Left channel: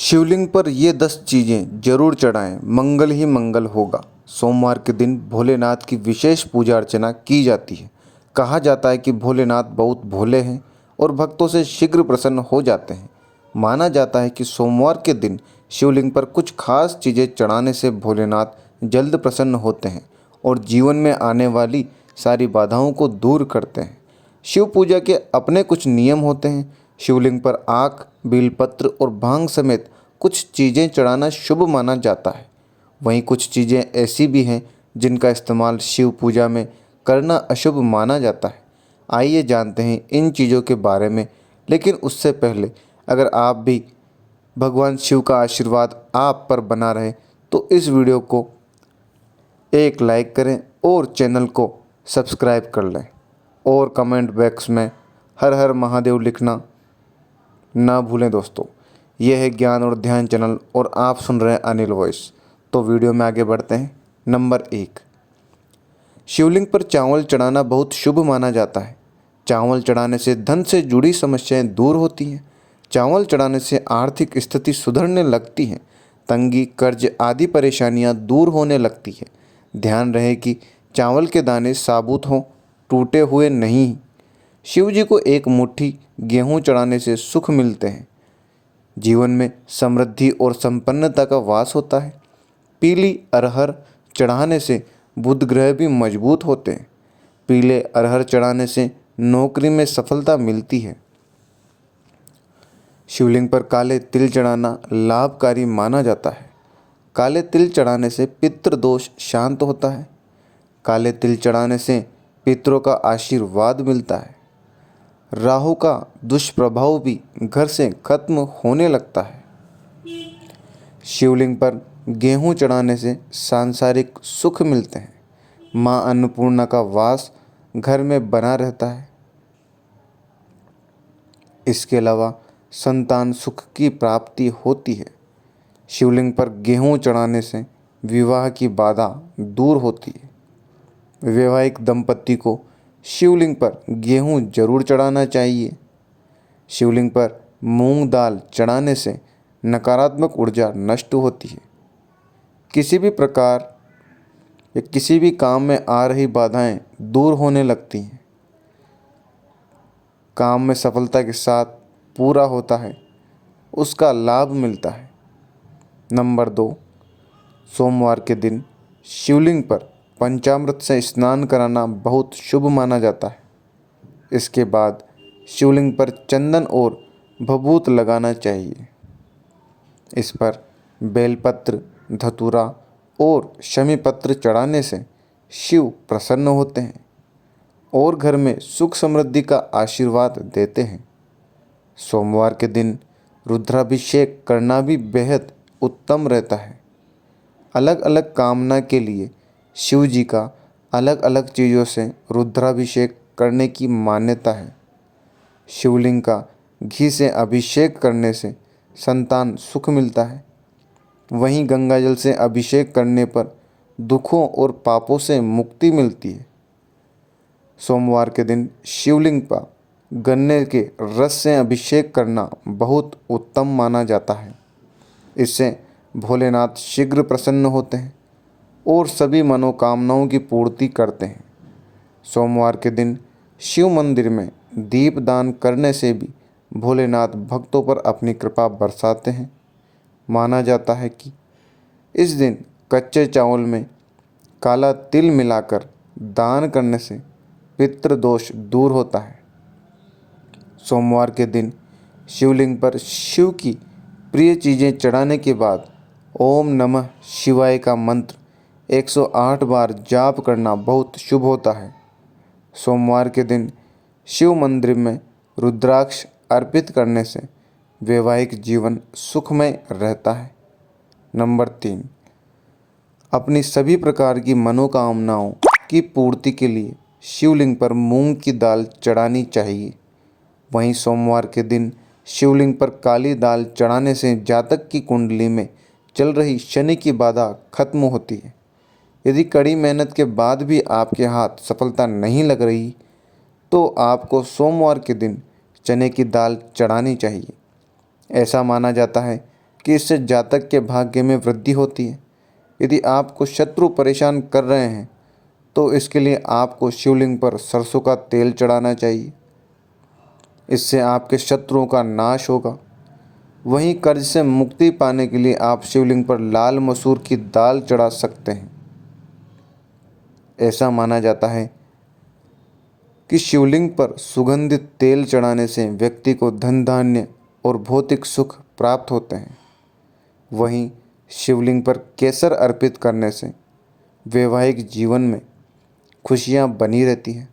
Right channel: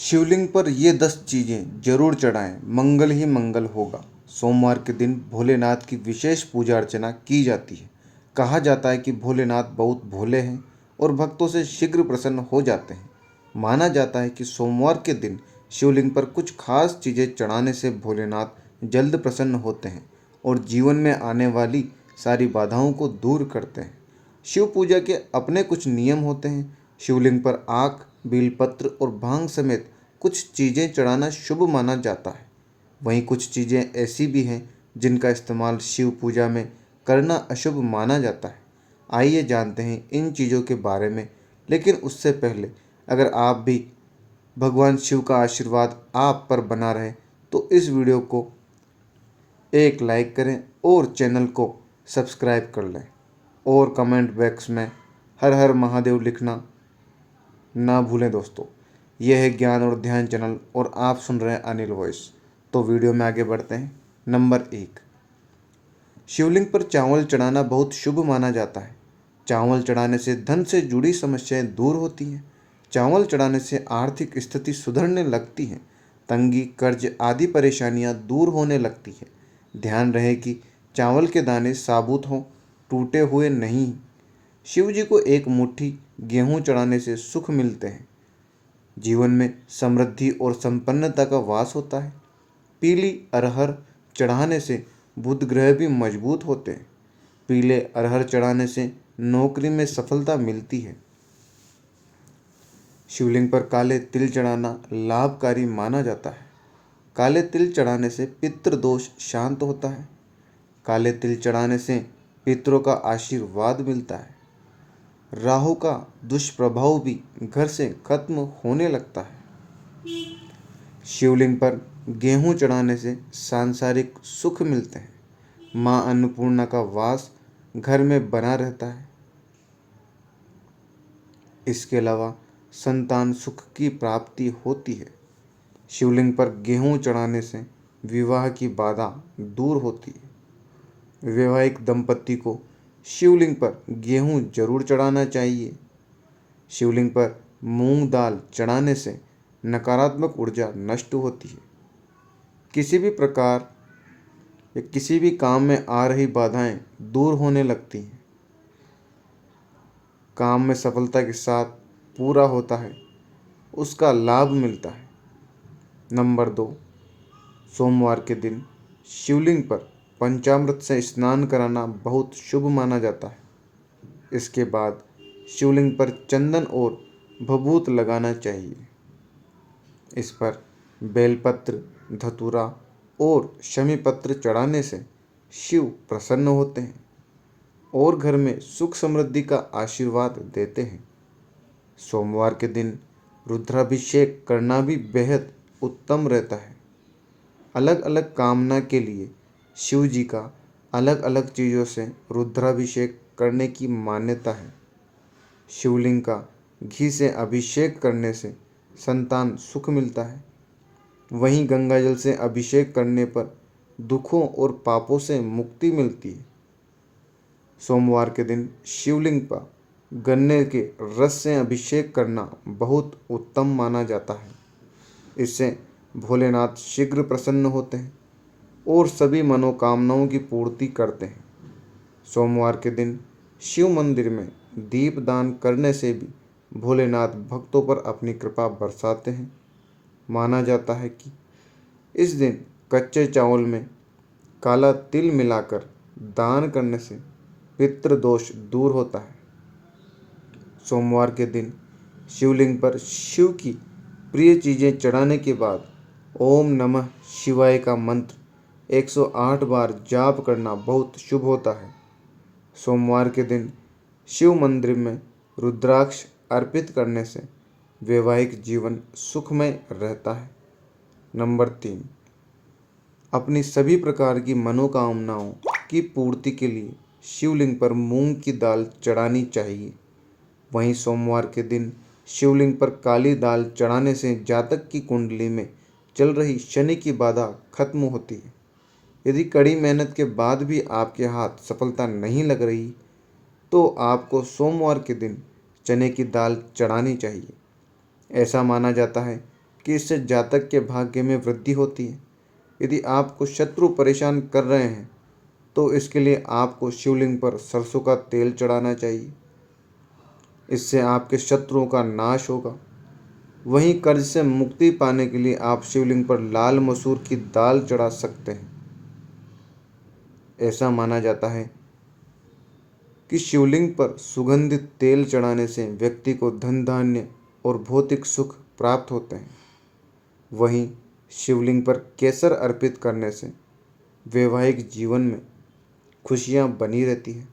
शिवलिंग पर ये 10 चीज़ें जरूर चढ़ाएं, मंगल ही मंगल होगा। सोमवार के दिन भोलेनाथ की विशेष पूजा अर्चना की जाती है। कहा जाता है कि भोलेनाथ बहुत भोले हैं और भक्तों से शीघ्र प्रसन्न हो जाते हैं। माना जाता है कि सोमवार के दिन शिवलिंग पर कुछ खास चीज़ें चढ़ाने से भोलेनाथ जल्द प्रसन्न होते हैं और जीवन में आने वाली सारी बाधाओं को दूर करते हैं। शिव पूजा के अपने कुछ नियम होते हैं। शिवलिंग पर आक, बेलपत्र और भांग समेत कुछ चीज़ें चढ़ाना शुभ माना जाता है। वहीं कुछ चीज़ें ऐसी भी हैं जिनका इस्तेमाल शिव पूजा में करना अशुभ माना जाता है। आइए जानते हैं इन चीज़ों के बारे में। लेकिन उससे पहले अगर आप भी भगवान शिव का आशीर्वाद आप पर बना रहे तो इस वीडियो को एक लाइक करें और चैनल को सब्सक्राइब कर लें और कमेंट बॉक्स में हर हर महादेव लिखना ना भूलें दोस्तों। यह है ज्ञान और ध्यान चैनल और आप सुन रहे हैं अनिल वॉइस। तो वीडियो में आगे बढ़ते हैं। नंबर 1, शिवलिंग पर चावल चढ़ाना बहुत शुभ माना जाता है। चावल चढ़ाने से धन से जुड़ी समस्याएं दूर होती हैं। चावल चढ़ाने से आर्थिक स्थिति सुधरने लगती है। तंगी, कर्ज आदि परेशानियां दूर होने लगती है। ध्यान रहे कि चावल के दाने साबुत हों, टूटे हुए नहीं। शिव जी को एक मुट्ठी गेहूं चढ़ाने से सुख मिलते हैं। जीवन में समृद्धि और संपन्नता का वास होता है। पीली अरहर चढ़ाने से बुध ग्रह भी मजबूत होते हैं। पीले अरहर चढ़ाने से नौकरी में सफलता मिलती है। शिवलिंग पर काले तिल चढ़ाना लाभकारी माना जाता है। काले तिल चढ़ाने से पितृ दोष शांत होता है। काले तिल चढ़ाने से पितरों का आशीर्वाद मिलता है। राहु का दुष्प्रभाव भी घर से खत्म होने लगता है। शिवलिंग पर गेहूं चढ़ाने से सांसारिक सुख मिलते हैं। मां अन्नपूर्णा का वास घर में बना रहता है। इसके अलावा संतान सुख की प्राप्ति होती है। शिवलिंग पर गेहूं चढ़ाने से विवाह की बाधा दूर होती है। वैवाहिक दंपति को शिवलिंग पर गेहूं जरूर चढ़ाना चाहिए। शिवलिंग पर मूंग दाल चढ़ाने से नकारात्मक ऊर्जा नष्ट होती है। किसी भी प्रकार या किसी भी काम में आ रही बाधाएं दूर होने लगती हैं। काम में सफलता के साथ पूरा होता है, उसका लाभ मिलता है। नंबर 2, सोमवार के दिन शिवलिंग पर पंचामृत से स्नान कराना बहुत शुभ माना जाता है। इसके बाद शिवलिंग पर चंदन और भभूत लगाना चाहिए। इस पर बेलपत्र, धतूरा और शमी पत्र चढ़ाने से शिव प्रसन्न होते हैं और घर में सुख समृद्धि का आशीर्वाद देते हैं। सोमवार के दिन रुद्राभिषेक करना भी बेहद उत्तम रहता है। अलग अलग कामना के लिए शिव जी का अलग अलग चीज़ों से रुद्राभिषेक करने की मान्यता है। शिवलिंग का घी से अभिषेक करने से संतान सुख मिलता है। वहीं गंगा जल से अभिषेक करने पर दुखों और पापों से मुक्ति मिलती है। सोमवार के दिन शिवलिंग पर गन्ने के रस से अभिषेक करना बहुत उत्तम माना जाता है। इससे भोलेनाथ शीघ्र प्रसन्न होते हैं और सभी मनोकामनाओं की पूर्ति करते हैं। सोमवार के दिन शिव मंदिर में दीप दान करने से भी भोलेनाथ भक्तों पर अपनी कृपा बरसाते हैं। माना जाता है कि इस दिन कच्चे चावल में काला तिल मिलाकर दान करने से पितृदोष दूर होता है। सोमवार के दिन शिवलिंग पर शिव की प्रिय चीज़ें चढ़ाने के बाद ओम नमः शिवाय का मंत्र 108 बार जाप करना बहुत शुभ होता है। सोमवार के दिन शिव मंदिर में रुद्राक्ष अर्पित करने से वैवाहिक जीवन सुखमय रहता है। नंबर 3, अपनी सभी प्रकार की मनोकामनाओं की पूर्ति के लिए शिवलिंग पर मूंग की दाल चढ़ानी चाहिए। वहीं सोमवार के दिन शिवलिंग पर काली दाल चढ़ाने से जातक की कुंडली में चल रही शनि की बाधा खत्म होती है। यदि कड़ी मेहनत के बाद भी आपके हाथ सफलता नहीं लग रही तो आपको सोमवार के दिन चने की दाल चढ़ानी चाहिए। ऐसा माना जाता है कि इससे जातक के भाग्य में वृद्धि होती है। यदि आपको शत्रु परेशान कर रहे हैं तो इसके लिए आपको शिवलिंग पर सरसों का तेल चढ़ाना चाहिए। इससे आपके शत्रुओं का नाश होगा। वहीं कर्ज से मुक्ति पाने के लिए आप शिवलिंग पर लाल मसूर की दाल चढ़ा सकते हैं। ऐसा माना जाता है कि शिवलिंग पर सुगंधित तेल चढ़ाने से व्यक्ति को धन धान्य और भौतिक सुख प्राप्त होते हैं। वहीं शिवलिंग पर केसर अर्पित करने से वैवाहिक जीवन में खुशियां बनी रहती हैं।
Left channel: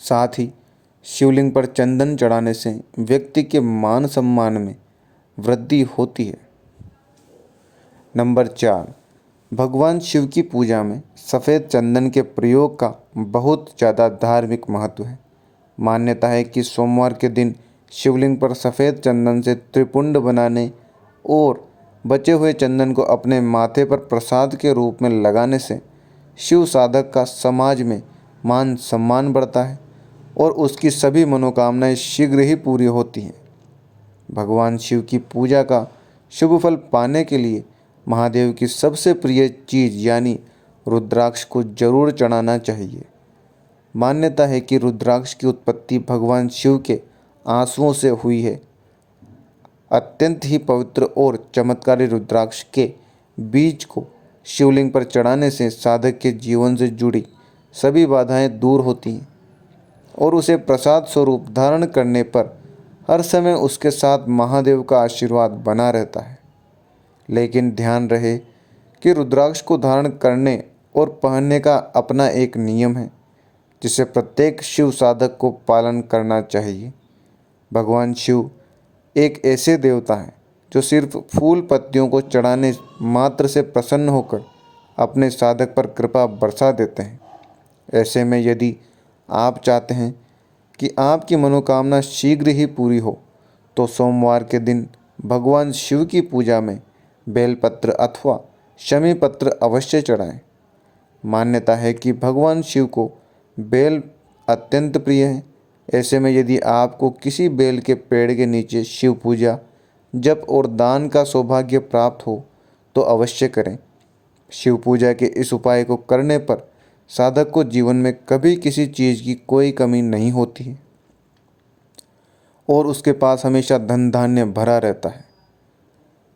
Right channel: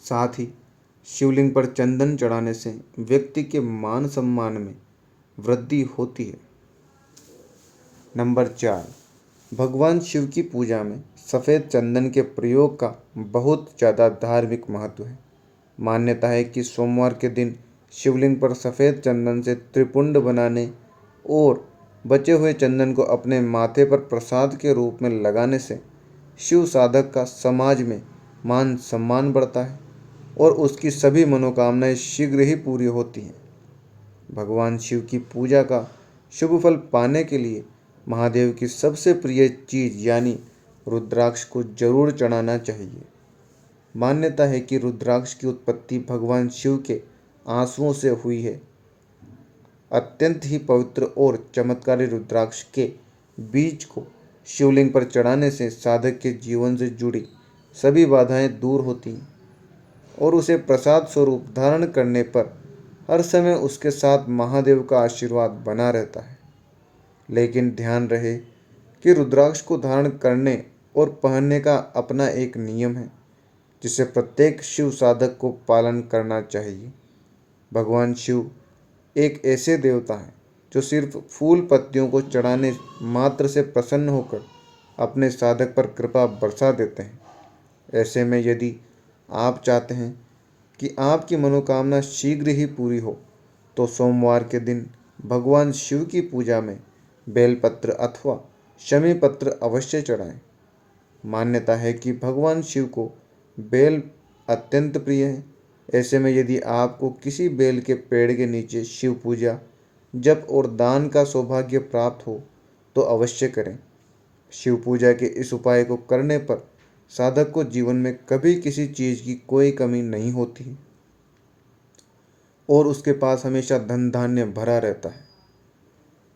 साथ ही शिवलिंग पर चंदन चढ़ाने से व्यक्ति के मान सम्मान में वृद्धि होती है। नंबर 4, भगवान शिव की पूजा में सफ़ेद चंदन के प्रयोग का बहुत ज़्यादा धार्मिक महत्व है। मान्यता है कि सोमवार के दिन शिवलिंग पर सफ़ेद चंदन से त्रिपुंड बनाने और बचे हुए चंदन को अपने माथे पर प्रसाद के रूप में लगाने से शिव साधक का समाज में मान सम्मान बढ़ता है और उसकी सभी मनोकामनाएं शीघ्र ही पूरी होती हैं। भगवान शिव की पूजा का शुभ फल पाने के लिए महादेव की सबसे प्रिय चीज़ यानी रुद्राक्ष को जरूर चढ़ाना चाहिए। मान्यता है कि रुद्राक्ष की उत्पत्ति भगवान शिव के आंसुओं से हुई है। अत्यंत ही पवित्र और चमत्कारी रुद्राक्ष के बीज को शिवलिंग पर चढ़ाने से साधक के जीवन से जुड़ी सभी बाधाएं दूर होती हैं और उसे प्रसाद स्वरूप धारण करने पर हर समय उसके साथ महादेव का आशीर्वाद बना रहता है। लेकिन ध्यान रहे कि रुद्राक्ष को धारण करने और पहनने का अपना एक नियम है जिसे प्रत्येक शिव साधक को पालन करना चाहिए। भगवान शिव एक ऐसे देवता हैं जो सिर्फ फूल पत्तियों को चढ़ाने मात्र से प्रसन्न होकर अपने साधक पर कृपा बरसा देते हैं। ऐसे में यदि आप चाहते हैं कि आपकी मनोकामना शीघ्र ही पूरी हो तो सोमवार के दिन भगवान शिव की पूजा में बेलपत्र अथवा शमी पत्र अवश्य चढ़ाएं। मान्यता है कि भगवान शिव को बेल अत्यंत प्रिय है। ऐसे में यदि आपको किसी बेल के पेड़ के नीचे शिव पूजा, जप और दान का सौभाग्य प्राप्त हो तो अवश्य करें। शिव पूजा के इस उपाय को करने पर साधक को जीवन में कभी किसी चीज़ की कोई कमी नहीं होती है और उसके पास हमेशा धन धान्य भरा रहता है।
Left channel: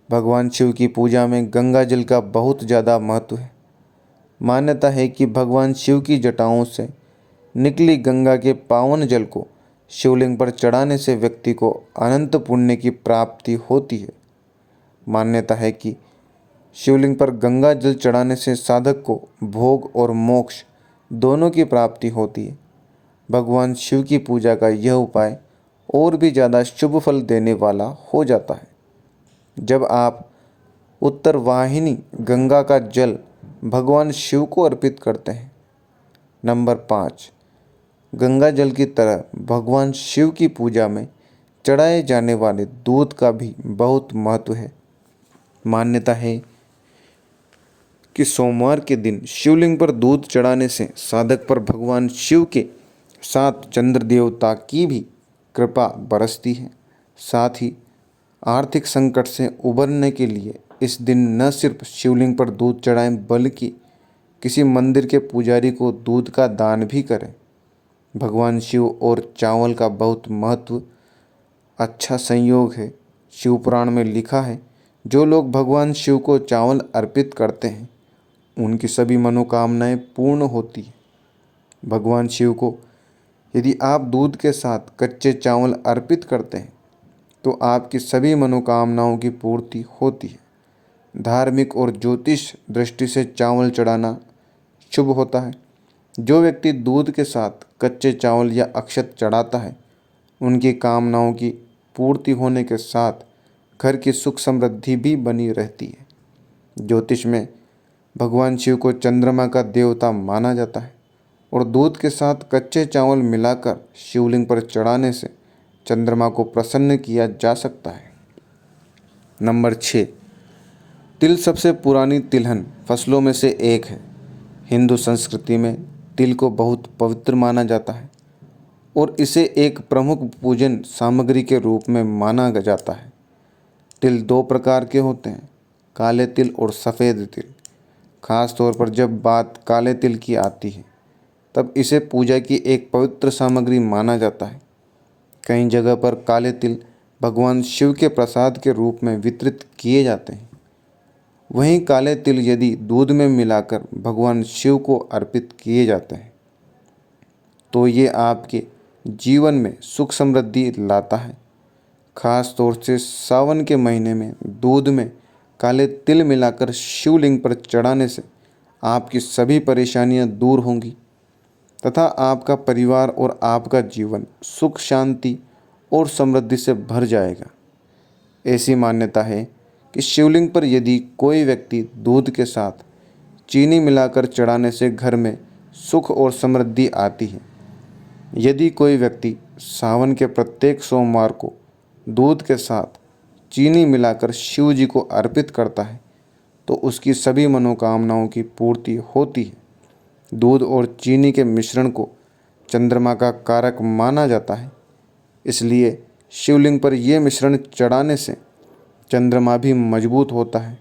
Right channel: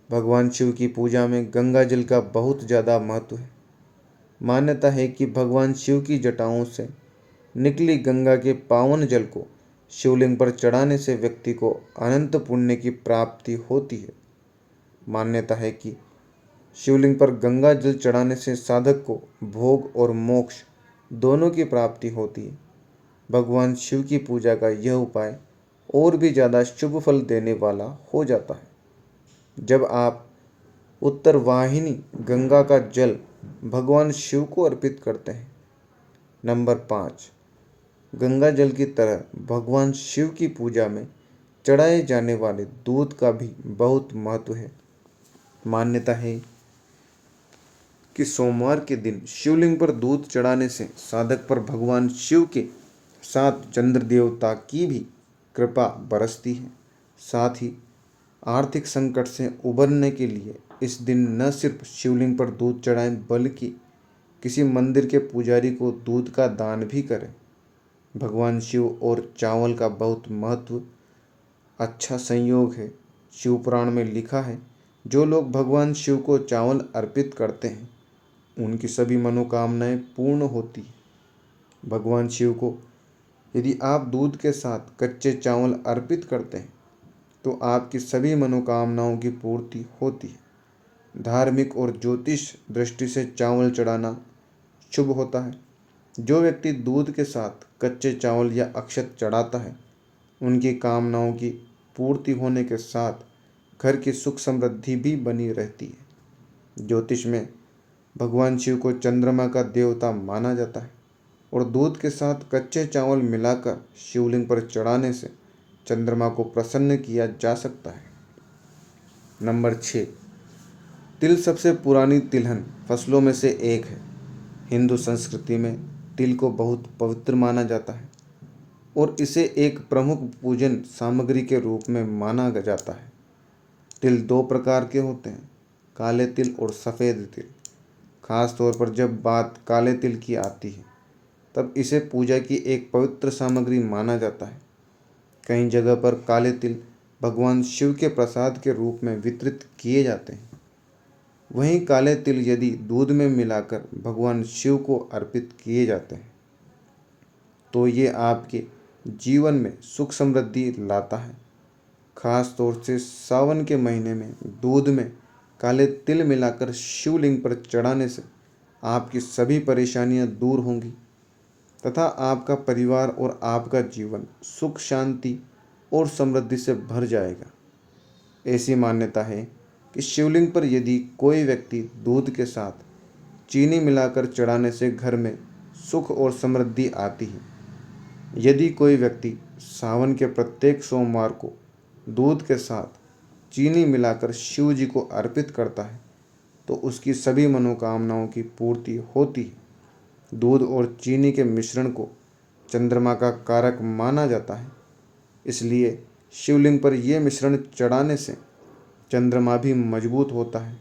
भगवान शिव की पूजा में गंगा जल का बहुत ज़्यादा महत्व है। मान्यता है कि भगवान शिव की जटाओं से निकली गंगा के पावन जल को शिवलिंग पर चढ़ाने से व्यक्ति को अनंत पुण्य की प्राप्ति होती है। मान्यता है कि शिवलिंग पर गंगा जल चढ़ाने से साधक को भोग और मोक्ष दोनों की प्राप्ति होती है। भगवान शिव की पूजा का यह उपाय और भी ज़्यादा शुभ फल देने वाला हो जाता है जब आप उत्तर वाहिनी गंगा का जल भगवान शिव को अर्पित करते हैं। नंबर 5, गंगा जल की तरह भगवान शिव की पूजा में चढ़ाए जाने वाले दूध का भी बहुत महत्व है। मान्यता है कि सोमवार के दिन शिवलिंग पर दूध चढ़ाने से साधक पर भगवान शिव के साथ चंद्र देवता की भी कृपा बरसती है। साथ ही आर्थिक संकट से उबरने के लिए इस दिन न सिर्फ शिवलिंग पर दूध चढ़ाएं बल्कि किसी मंदिर के पुजारी को दूध का दान भी करें। भगवान शिव और चावल का बहुत महत्व अच्छा संयोग है। शिव पुराण में लिखा है, जो लोग भगवान शिव को चावल अर्पित करते हैं उनकी सभी मनोकामनाएं पूर्ण होती हैं। भगवान शिव को यदि आप दूध के साथ कच्चे चावल अर्पित करते हैं तो आपकी सभी मनोकामनाओं की पूर्ति होती है। धार्मिक और ज्योतिष दृष्टि से चावल चढ़ाना शुभ होता है। जो व्यक्ति दूध के साथ कच्चे चावल या अक्षत चढ़ाता है उनकी कामनाओं की पूर्ति होने के साथ घर की सुख समृद्धि भी बनी रहती है। ज्योतिष में भगवान शिव को चंद्रमा का देवता माना जाता है और दूध के साथ कच्चे चावल मिलाकर शिवलिंग पर चढ़ाने से चंद्रमा को प्रसन्न किया जा सकता है। नंबर 6, तिल सबसे पुरानी तिलहन फसलों में से एक है। हिंदू संस्कृति में तिल को बहुत पवित्र माना जाता है और इसे एक प्रमुख पूजन सामग्री के रूप में माना जाता है। तिल दो प्रकार के होते हैं, काले तिल और सफ़ेद तिल। खास तौर पर जब बात काले तिल की आती है तब इसे पूजा की एक पवित्र सामग्री माना जाता है। कई जगह पर काले तिल भगवान शिव के प्रसाद के रूप में वितरित किए जाते हैं। वहीं काले तिल यदि दूध में मिलाकर भगवान शिव को अर्पित किए जाते हैं तो ये आपके जीवन में सुख समृद्धि लाता है। खास तौर से सावन के महीने में दूध में काले तिल मिलाकर शिवलिंग पर चढ़ाने से आपकी सभी परेशानियां दूर होंगी तथा आपका परिवार और आपका जीवन सुख शांति और समृद्धि से भर जाएगा। ऐसी मान्यता है कि शिवलिंग पर यदि कोई व्यक्ति दूध के साथ चीनी मिलाकर चढ़ाने से घर में सुख और समृद्धि आती है। यदि कोई व्यक्ति सावन के प्रत्येक सोमवार को दूध के साथ चीनी मिलाकर शिव जी को अर्पित करता है तो उसकी सभी मनोकामनाओं की पूर्ति होती है। दूध और चीनी के मिश्रण को चंद्रमा का कारक माना जाता है, इसलिए शिवलिंग पर यह मिश्रण चढ़ाने से चंद्रमा भी मजबूत होता है,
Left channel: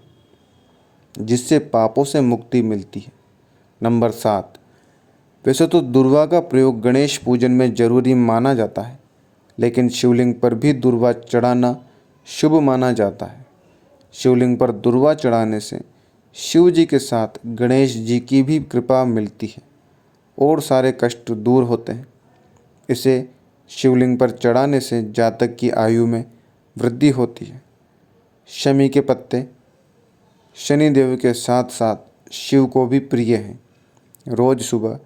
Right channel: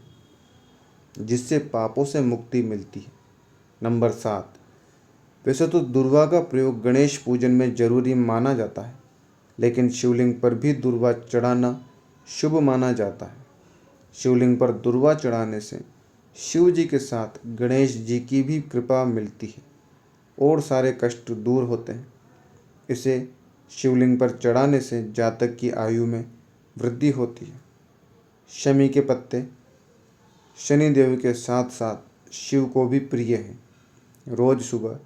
जिससे पापों से मुक्ति मिलती है। नंबर 7, वैसे तो दूर्वा का प्रयोग गणेश पूजन में जरूरी माना जाता है, लेकिन शिवलिंग पर भी दूर्वा चढ़ाना शुभ माना जाता है। शिवलिंग पर दूर्वा चढ़ाने से शिव जी के साथ गणेश जी की भी कृपा मिलती है और सारे कष्ट दूर होते हैं। इसे शिवलिंग पर चढ़ाने से जातक की आयु में वृद्धि होती है। शमी के पत्ते शनिदेव के साथ साथ शिव को भी प्रिय हैं। रोज सुबह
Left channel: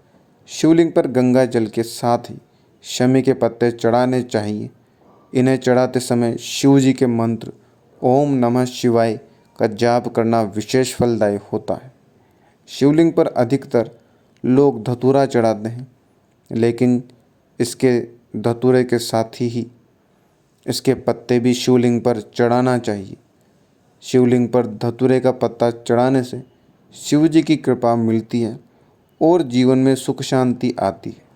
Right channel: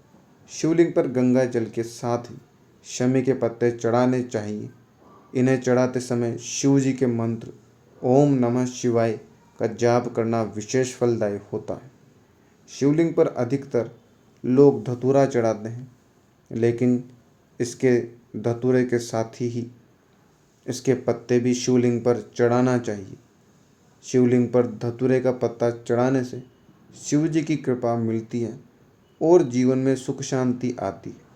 शिवलिंग पर गंगा जल के साथ ही शमी के पत्ते चढ़ाने चाहिए। इन्हें चढ़ाते समय शिव जी के मंत्र ओम नमः शिवाय का जाप करना विशेष फलदायी होता है। शिवलिंग पर अधिकतर लोग धतूरा चढ़ाते हैं, लेकिन इसके धतूरे के साथ ही इसके पत्ते भी शिवलिंग पर चढ़ाना चाहिए। शिवलिंग पर धतूरे का पत्ता चढ़ाने से शिव जी की कृपा मिलती है और जीवन में सुख शांति आती है।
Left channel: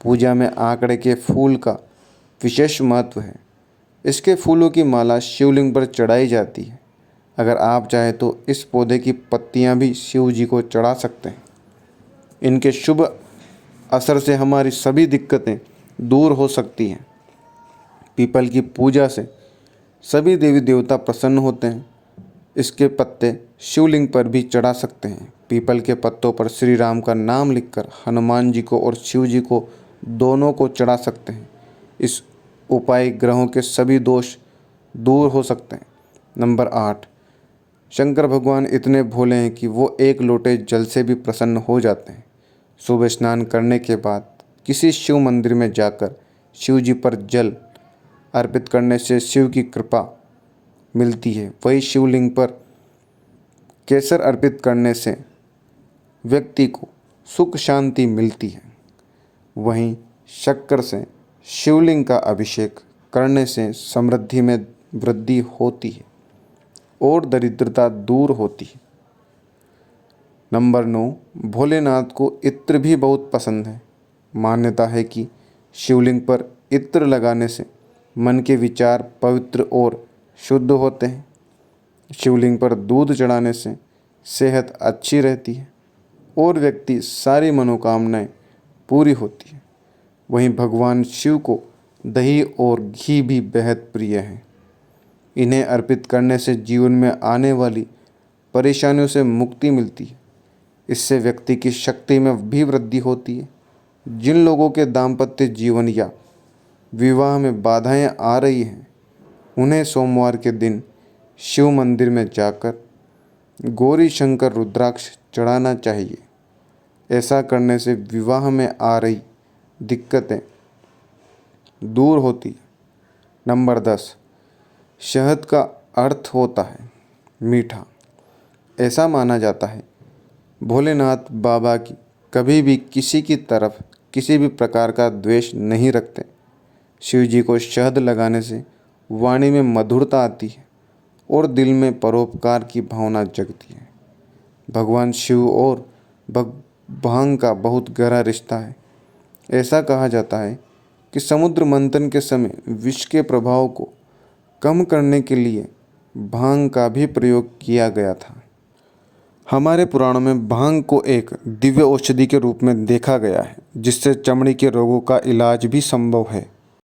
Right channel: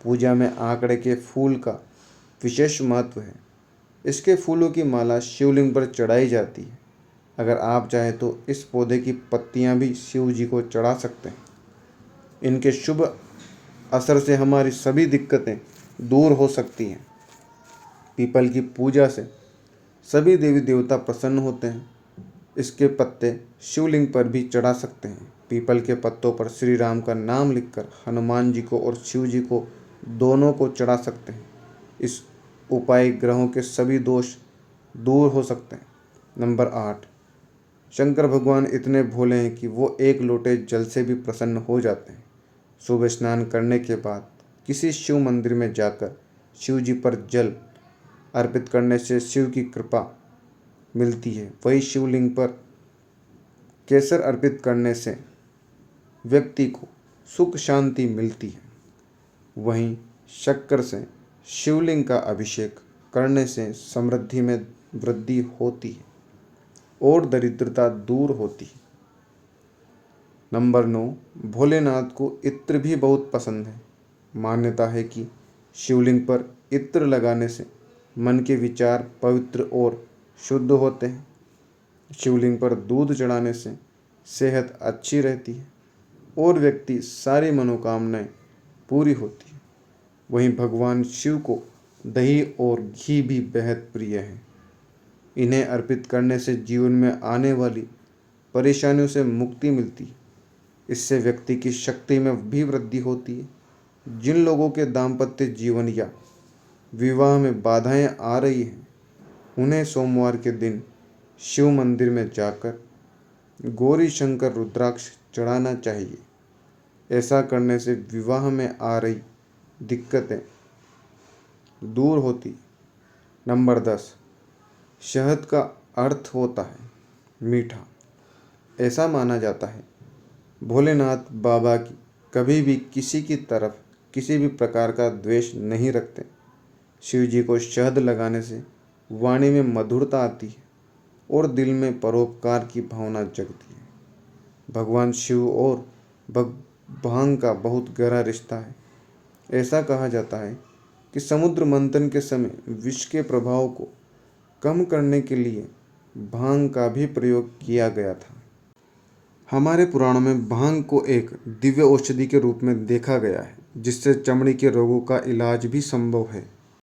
पूजा में आंकड़े के फूल का विशेष महत्व है। इसके फूलों की माला शिवलिंग पर चढ़ाई जाती है। अगर आप चाहें तो इस पौधे की पत्तियां भी शिव जी को चढ़ा सकते हैं। इनके शुभ असर से हमारी सभी दिक्कतें दूर हो सकती हैं। पीपल की पूजा से सभी देवी देवता प्रसन्न होते हैं। इसके पत्ते शिवलिंग पर भी चढ़ा सकते हैं। पीपल के पत्तों पर श्री राम का नाम लिखकर हनुमान जी को और शिव जी को दोनों को चढ़ा सकते हैं। इस उपाय ग्रहों के सभी दोष दूर हो सकते हैं। नंबर 8, शंकर भगवान इतने भोले हैं कि वो एक लोटे जल से भी प्रसन्न हो जाते हैं। सुबह स्नान करने के बाद किसी शिव मंदिर में जाकर शिव जी पर जल अर्पित करने से शिव की कृपा मिलती है। वही शिवलिंग पर केसर अर्पित करने से व्यक्ति को सुख शांति मिलती है। वहीं शक्कर से शिवलिंग का अभिषेक करने से समृद्धि में वृद्धि होती है और दरिद्रता दूर होती है। नंबर 9, भोलेनाथ को इत्र भी बहुत पसंद है। मान्यता है कि शिवलिंग पर इत्र लगाने से मन के विचार पवित्र और शुद्ध होते हैं। शिवलिंग पर दूध चढ़ाने से सेहत अच्छी रहती है और व्यक्ति सारी मनोकामनाएं पूरी होती है। वहीं भगवान शिव को दही और घी भी बेहद प्रिय है। इन्हें अर्पित करने से जीवन में आने वाली परेशानियों से मुक्ति मिलती है। इससे व्यक्ति की शक्ति में भी वृद्धि होती है। जिन लोगों के दाम्पत्य जीवन या विवाह में बाधाएं आ रही हैं, उन्हें सोमवार के दिन शिव मंदिर में जाकर गौरी शंकर रुद्राक्ष चढ़ाना चाहिए। ऐसा करने से विवाह में आ रही दिक्कतें दूर होती। नंबर 10, शहद का अर्थ होता है मीठा। ऐसा माना जाता है भोलेनाथ बाबा की कभी भी किसी की तरफ किसी भी प्रकार का द्वेष नहीं रखते। शिव जी को शहद लगाने से वाणी में मधुरता आती है और दिल में परोपकार की भावना जगती है। भगवान शिव और भांग का बहुत गहरा रिश्ता है। ऐसा कहा जाता है कि समुद्र मंथन के समय विष के प्रभाव को कम करने के लिए भांग का भी प्रयोग किया गया था। हमारे पुराणों में भांग को एक दिव्य औषधि के रूप में देखा गया है, जिससे चमड़ी के रोगों का इलाज भी संभव है।